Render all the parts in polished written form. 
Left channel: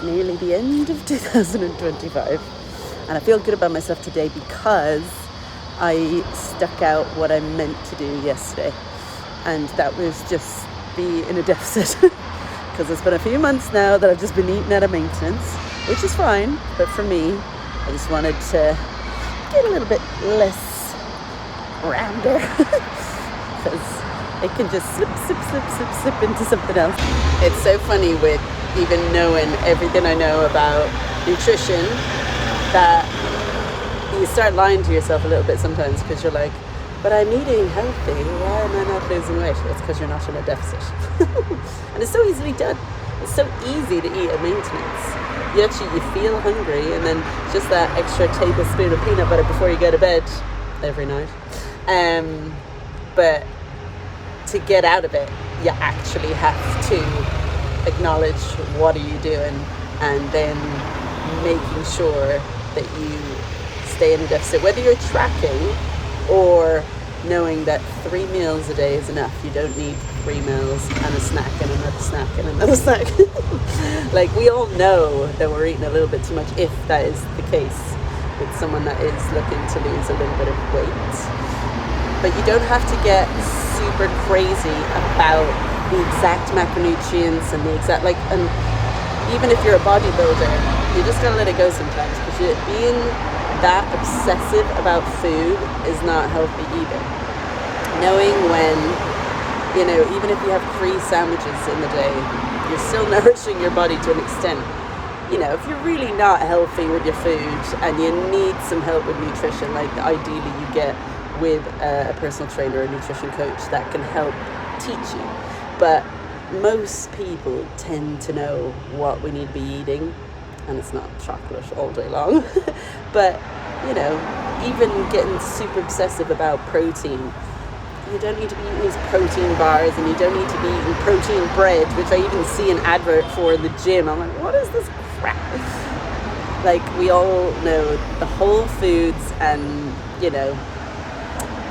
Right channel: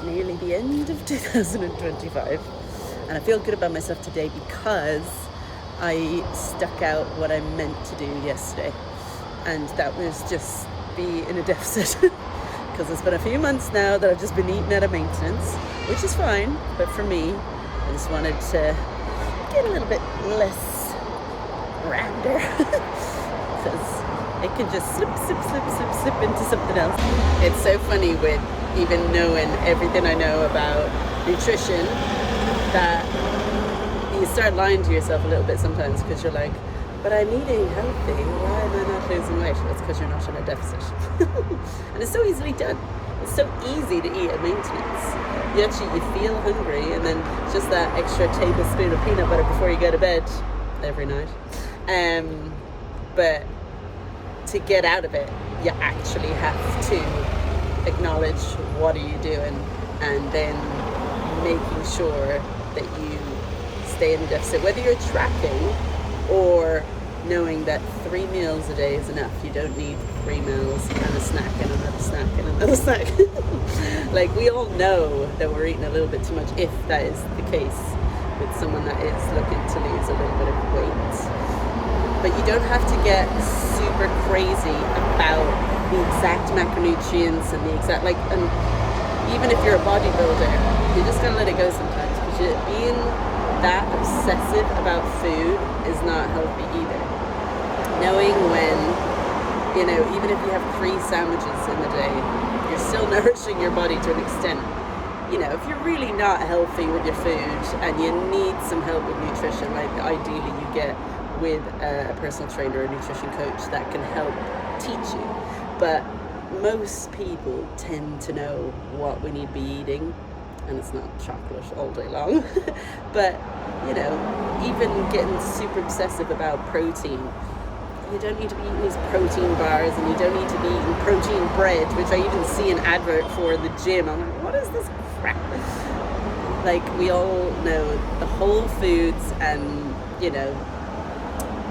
It's nearly the end of 2025 and I feel good about myself today because I stuck out what I meant to do yesterday, and that was just be in a deficit because it's been a few months now that I've just been eating out of maintenance, which is fine, but for me I just wanted to get a little bit less rounder because it can just slip into something else. It's so funny with even knowing everything I know about nutrition that you start lying to yourself a little bit sometimes, because you're like, but I'm eating healthy, why am I not losing weight? It's because you're not in a deficit. And it's so easily done. It's so easy to eat at maintenance. You feel hungry, and then just that extra tablespoon of peanut butter before you go to bed every night. But to get out of it, you actually have to acknowledge what are you doing, and then making sure that you stay in a deficit, whether you're tracking or knowing that 3 meals a day is enough. You don't need 3 meals and a snack and another snack and another snack. Like, we all know that we're eating a little bit too much, if that is the case with someone that is looking to lose a little bit of weight. But you don't have to get super crazy about the exact macronutrients and the exact, and even if you're a bodybuilder, you just gotta let it go sometimes, because being that obsessive about food is not healthy either. Knowing when, even if you have 3 sandwiches in the day, you're still nourishing your body to an extent. If you're really not healthy with your food and you need some help with nutrition, like ideally you get with a personal trainer or a nutrition coach that can help teach you. But most people tend to know what we need to be eating, and it's not chocolate all day long. But even getting super obsessive about protein, you don't need to be eating these protein bars, and you don't need to be eating protein bread, which I even see an advert for in the gym. I'm like, what is this crap? Like, we all know the whole foods and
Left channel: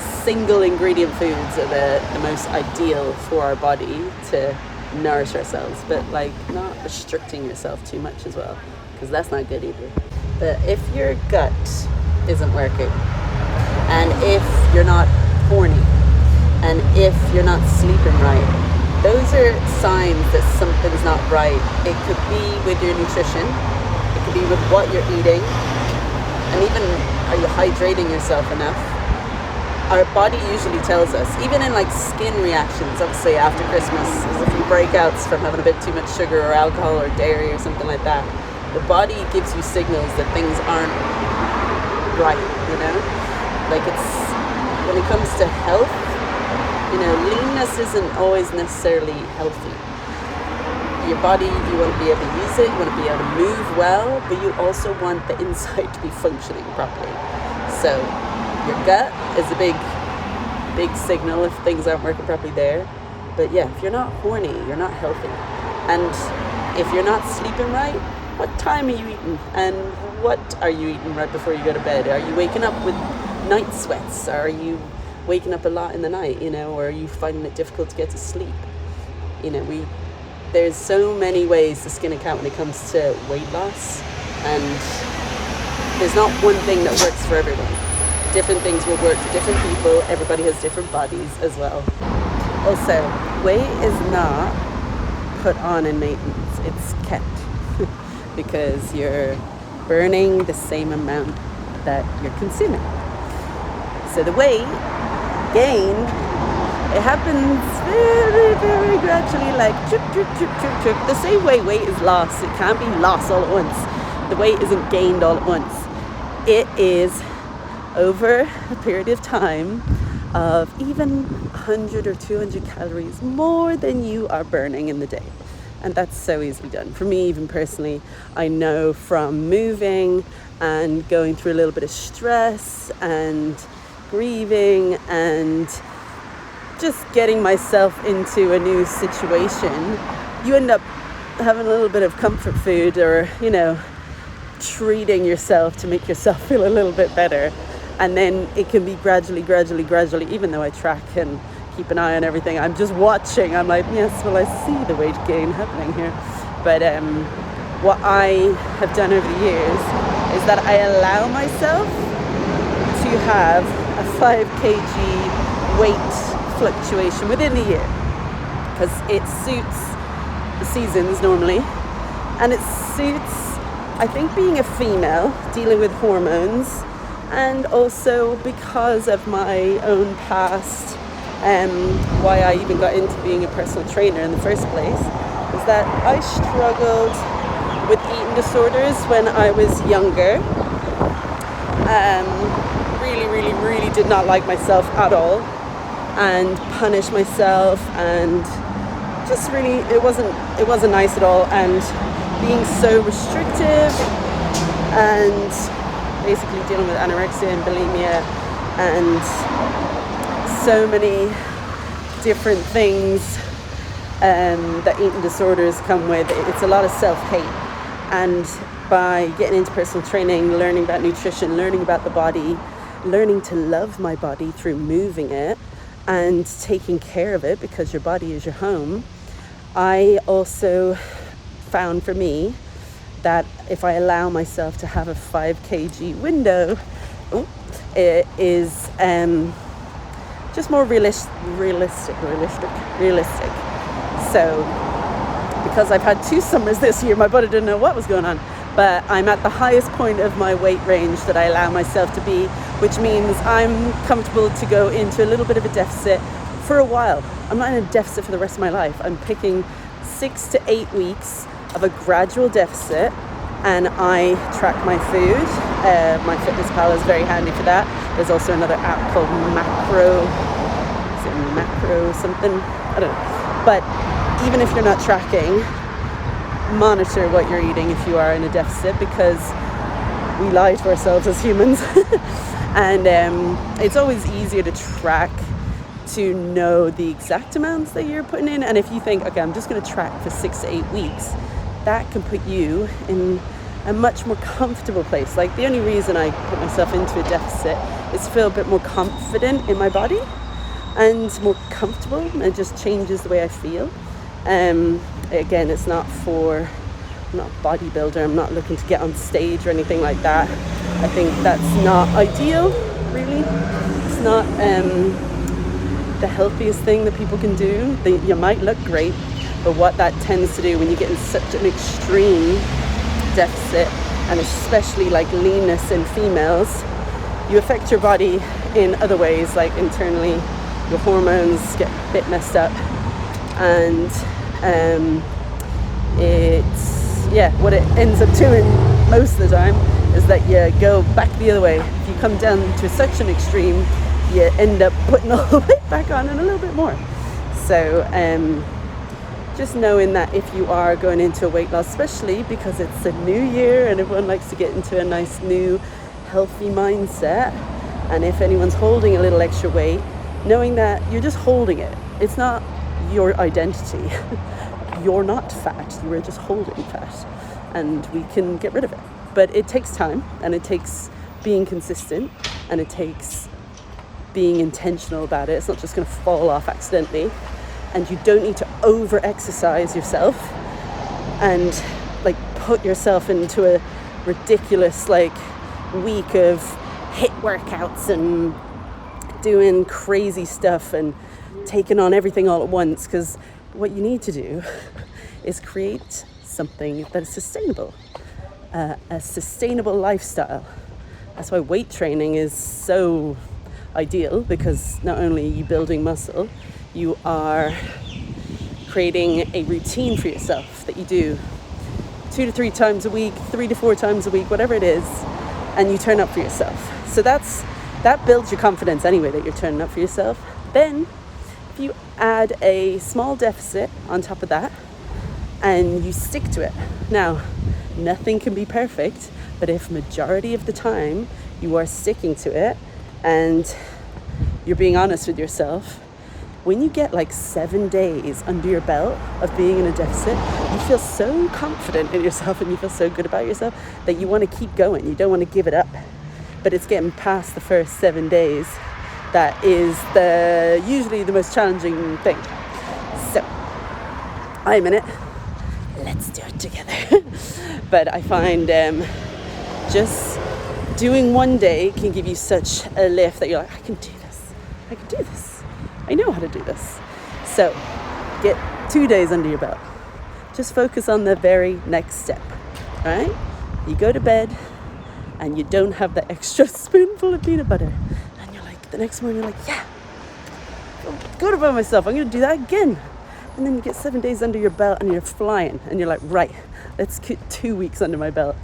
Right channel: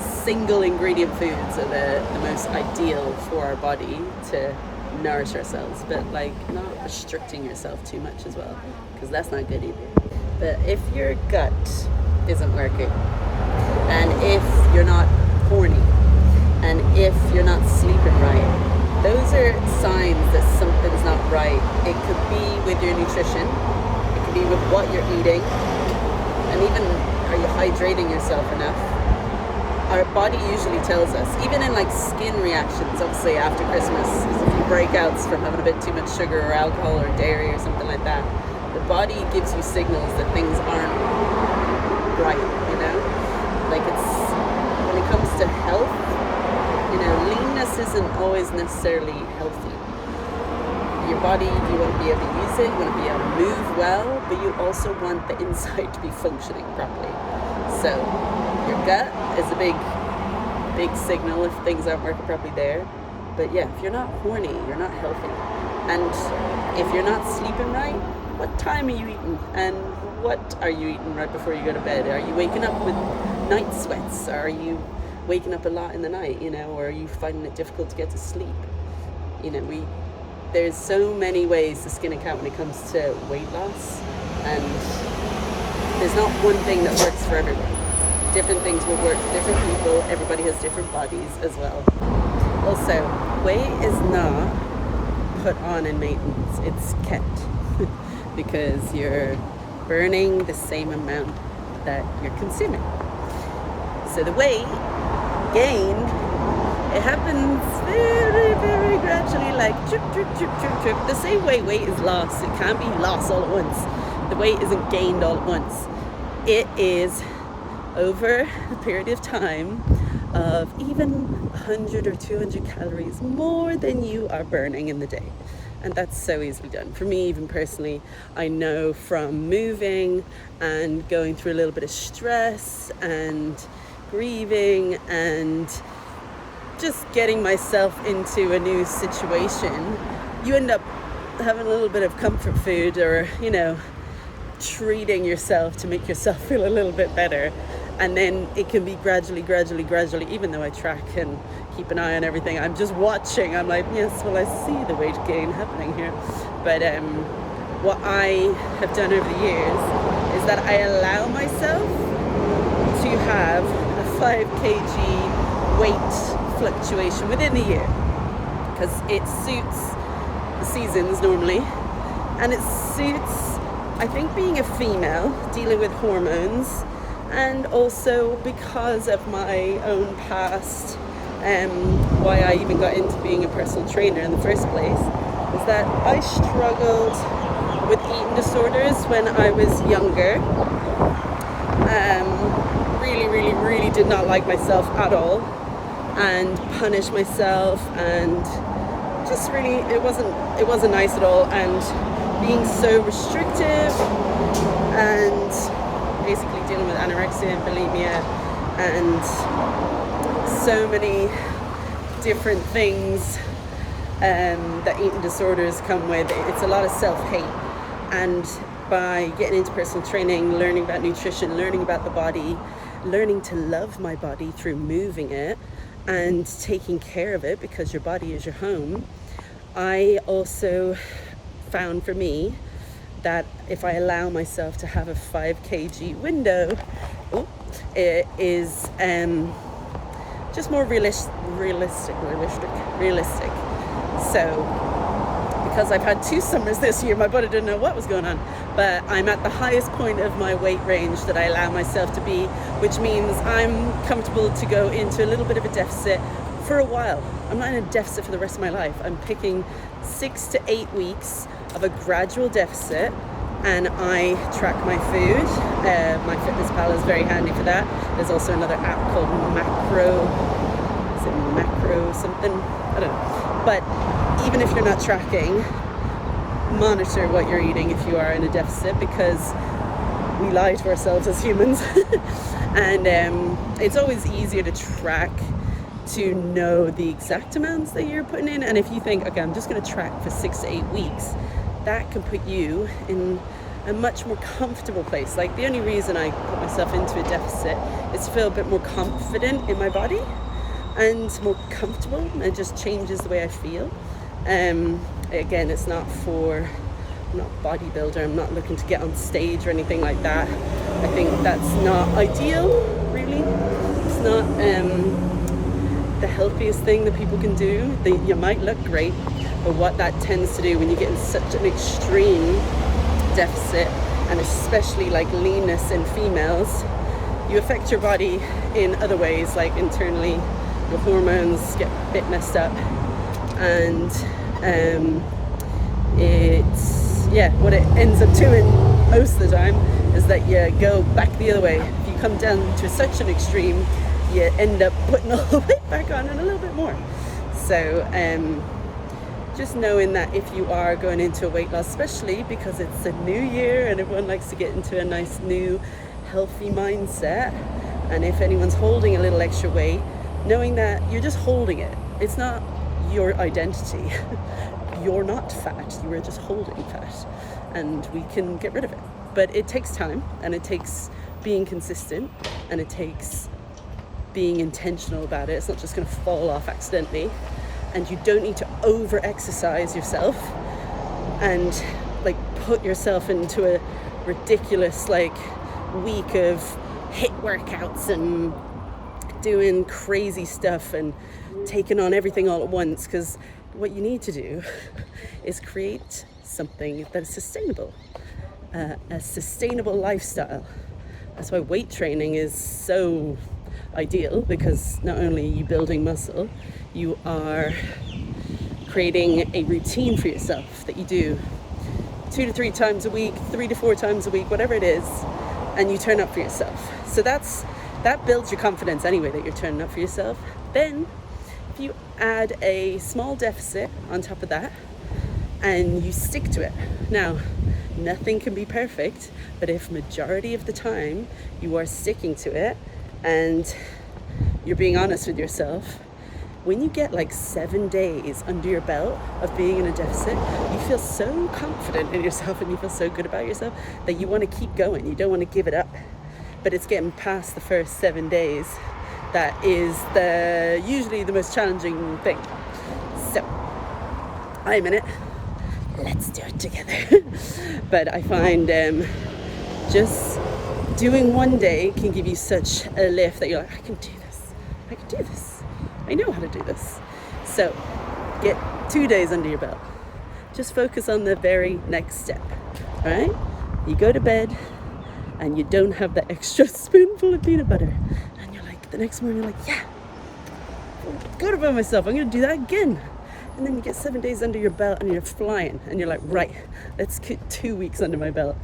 single ingredient foods are the most ideal for our body to nourish ourselves, but not restricting yourself too much as well, because that's not good either. But if your gut isn't working, and if you're not horny, and if you're not sleeping right, those are signs that something's not right. It could be with your nutrition, it could be with what you're eating, and even, are you hydrating yourself enough? Our body usually tells us, even in skin reactions, obviously after Christmas, there's a few breakouts from having a bit too much sugar or alcohol or dairy or something like that. The body gives you signals that things aren't right, it's, when it comes to health, leanness isn't always necessarily healthy. Your body, you want to be able to use it, you want to be able to move well, but you also want the inside to be functioning properly. So your gut is a big signal if things aren't working properly there. But yeah, if you're not horny, you're not healthy. And if you're not sleeping right, what time are you eating? And what are you eating right before you go to bed? Are you waking up with night sweats? Are you waking up a lot in the night, or are you finding it difficult to get to sleep? There's so many ways to skin a cat when it comes to weight loss, and there's not one thing that works for everyone. Different things will work for different people. Everybody has different bodies as well. Also, weight is not put on in maintenance. It's kept because you're burning the same amount that you're consuming. So the weight gain, it happens very, very gradually, drip. The same way weight is lost. It can't be lost all at once. The weight isn't gained all at once. It is over a period of time of even 100 or 200 calories more than you are burning in the day. And that's so easily done. For me, even personally, I know from moving and going through a little bit of stress and grieving and just getting myself into a new situation, you end up having a little bit of comfort food, or treating yourself to make yourself feel a little bit better. And then it can be gradually, even though I track and keep an eye on everything, I'm just watching. I'm like, yes, well, I see the weight gain happening here. But what I have done over the years is that I allow myself to have a 5 kg weight fluctuation within the year, because it suits the seasons normally, and it suits, I think, being a female dealing with hormones, and also because of my own past, why I even got into being a personal trainer in the first place, is that I struggled with eating disorders when I was younger. Really did not like myself at all, and punished myself, and just really it wasn't nice at all, and being so restrictive, and basically dealing with anorexia and bulimia and so many different things that eating disorders come with. It's a lot of self-hate, and by getting into personal training, learning about nutrition, learning about the body, learning to love my body through moving it and taking care of it, because your body is your home, I also found for me that if I allow myself to have a 5 kg window, it is just more realistic. So because I've had 2 summers this year, my body didn't know what was going on, but I'm at the highest point of my weight range that I allow myself to be, which means I'm comfortable to go into a little bit of a deficit for a while. I'm not in a deficit for the rest of my life. I'm picking 6 to 8 weeks of a gradual deficit, and I track my food. My Fitness Pal is very handy for that. There's also another app called Macro something, I don't know. But even if you're not tracking, monitor what you're eating if you are in a deficit, because we lie to ourselves as humans. And it's always easier to track, to know the exact amounts that you're putting in. And if you think, okay, I'm just going to track for 6 to 8 weeks, that can put you in a much more comfortable place. Like, the only reason I put myself into a deficit is to feel a bit more confident in my body and more comfortable, and it just changes the way I feel. Again, it's not for, I'm not a bodybuilder, I'm not looking to get on stage or anything like that. I think that's not ideal, really. It's not the healthiest thing that people can do. You might look great, but what that tends to do when you get in such an extreme deficit, and especially like leanness in females, you affect your body in other ways, like internally, your hormones get a bit messed up, and what it ends up doing most of the time is that you go back the other way. If you come down to such an extreme, you end up putting all the weight back on and a little bit more. So just knowing that if you are going into a weight loss, especially because it's a new year and everyone likes to get into a nice new healthy mindset, and if anyone's holding a little extra weight, knowing that you're just holding it. It's not your identity. You're not fat, you are just holding fat, and we can get rid of it. But it takes time, and it takes being consistent, and it takes being intentional about it. It's not just going to fall off accidentally, and you don't need to over exercise yourself and like put yourself into a ridiculous like week of HIIT workouts and doing crazy stuff and taking on everything all at once, because what you need to do is create something that is sustainable, a sustainable lifestyle. That's why weight training is so ideal, because not only are you building muscle, you are creating a routine for yourself that you do 2 to 3 times a week, 3 to 4 times a week, whatever it is, and you turn up for yourself. So that builds your confidence anyway, that you're turning up for yourself. Then if you add a small deficit on top of that and you stick to it. Now, nothing can be perfect, but if majority of the time you are sticking to it and you're being honest with yourself, when you get like 7 days under your belt of being in a deficit, you feel so confident in yourself and you feel so good about yourself that you want to keep going. You don't want to give it up. But it's getting past the first 7 days that is usually the most challenging thing. So I'm in it. let's do it together. But I find just doing one day can give you such a lift that you're like, I can do this, I know how to do this. So get 2 days under your belt. Just focus on the very next step, right? You go to bed and you don't have the extra spoonful of peanut butter, and you're like, the next morning you're like, yeah, good about myself, I'm gonna do that again. And then you get 7 days under your belt and you're flying, and you're like, right, let's get 2 weeks under my belt.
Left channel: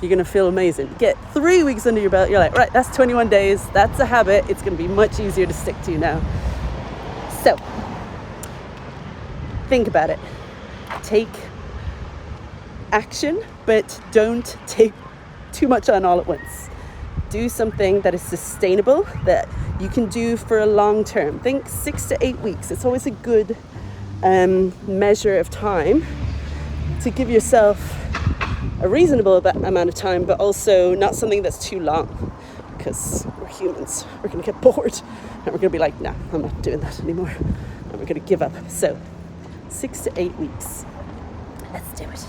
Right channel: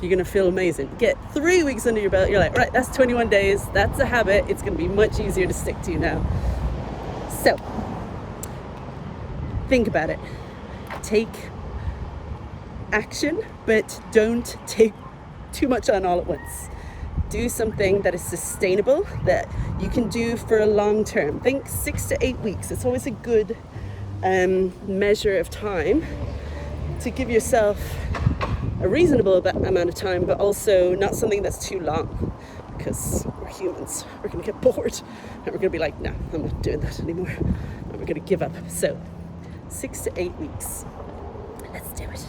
You're gonna feel amazing. Get 3 weeks under your belt, you're like, right, that's 21 days, that's a habit, it's gonna be much easier to stick to now. So think about it. Take action, but don't take too much on all at once. Do something that is sustainable, that you can do for a long term. Think 6 to 8 weeks. It's always a good measure of time to give yourself a reasonable amount of time, but also not something that's too long, because we're humans. We're going to get bored and we're going to be like, no, I'm not doing that anymore, and we're going to give up. So 6 to 8 weeks. Let's do it.